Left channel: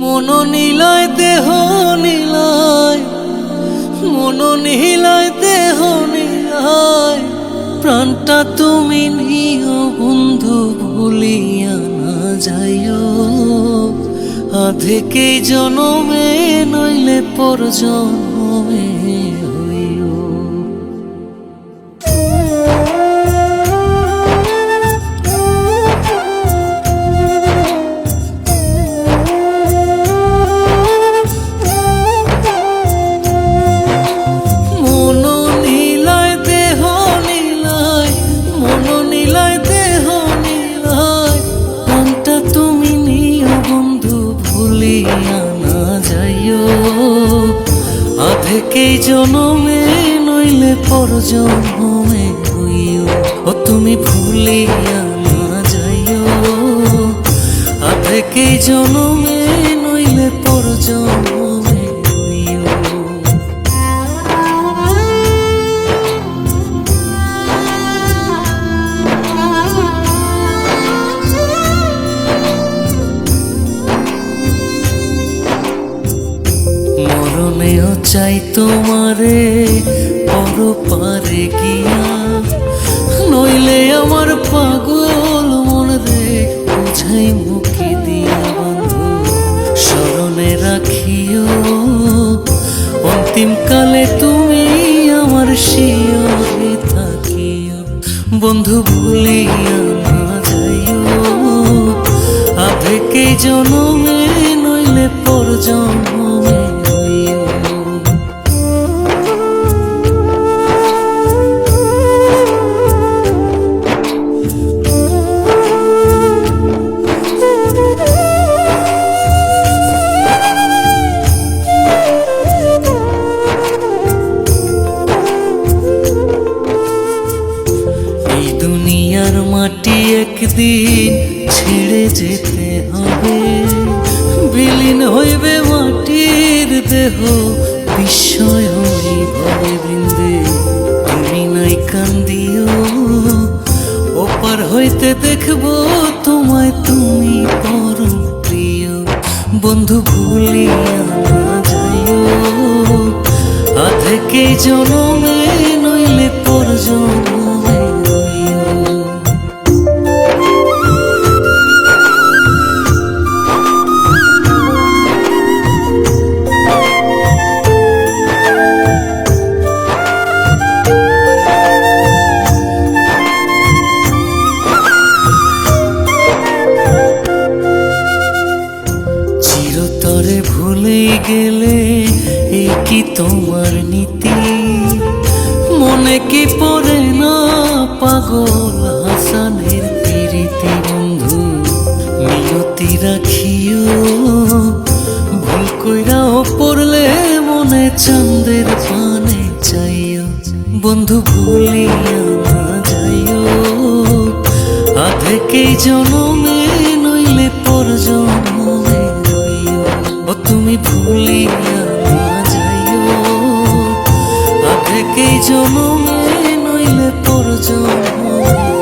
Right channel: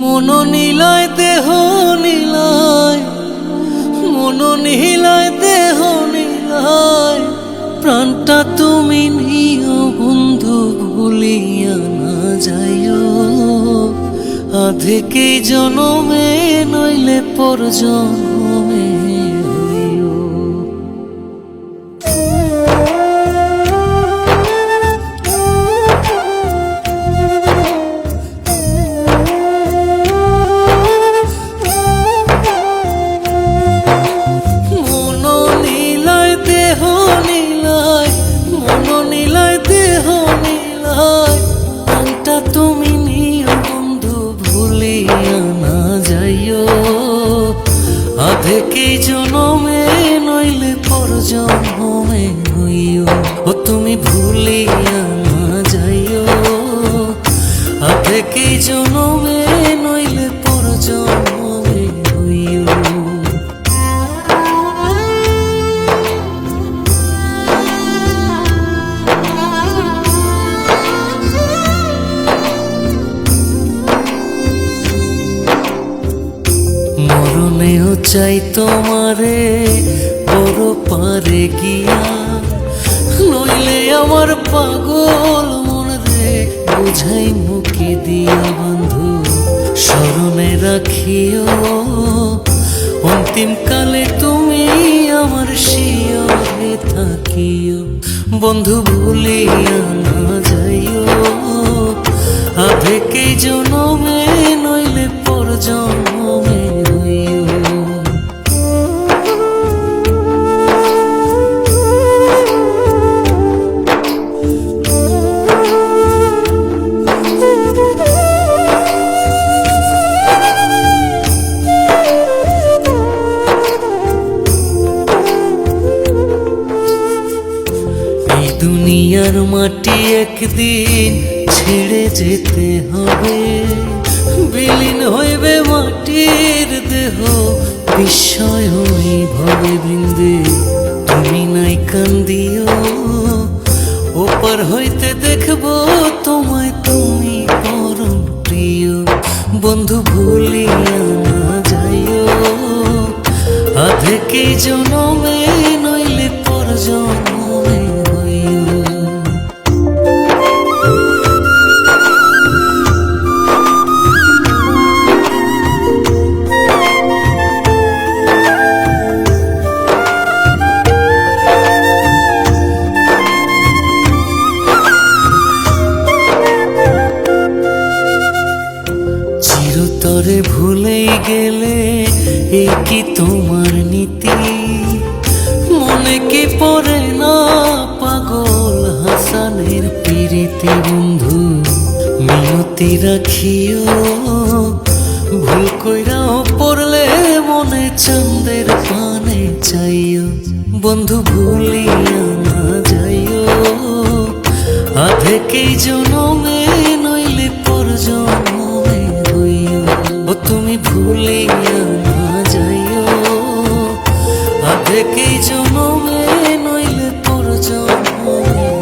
মন নিলয় দেহ নিলয়। মন নিলয় দেহ নিলয়। প্রাণটা তুমি নিও, বন্ধু, ভুলিয়া না যাইও। আধেকে জনমে, নইলে পর জন্মে আধেকেই জনমে নইলে পর জন্মে হইও। ও তুমি ভুলিয়া না যাইও। আধেকেই জনমে নইলে পর জন্মে মরণেও চাই তোমারে পর পারে গিয়া। নইলে আমার পাগল মন রে, বুঝাই মুখে দিয়া বন্ধু, স্মরণে রাখিও। অন্তিম কালে তুমি আমার শিয়রে থাকিও। বন্ধু ভুলিয়া না যাইও। আধেকে জনমে নইলে পর জন্মে দুনিয়ার মাটি একদিন ছেড়ে যেতে হবে। বিলীন হইবে মাটির দেহ, বিস্ময় ভবে বৃন্দে। তুমি নাই কান্দিও, ওপার হইতে দেখব তোমায় তুমি পরম প্রিয়। বন্ধু ভুলিয়া না যাইও, আধেকে জনমে নইলে পর চিরতরে ভুলেই গেলে এই কি তোমার নীতি? মনে কি পড়ে না পাগল হাসানের প্রীতি বন্ধু? মিনতি রাখিও, ভুল কইরাও পড়লে মনে চন্দের পানে চাইও। বন্ধু ভুলিয়া না যাইও, আধেকেই জনমে নইলে পর জন্মে ও তুমি ভুলিয়া না যাইও। আগে কে জন্মে নইলে পর জন্মে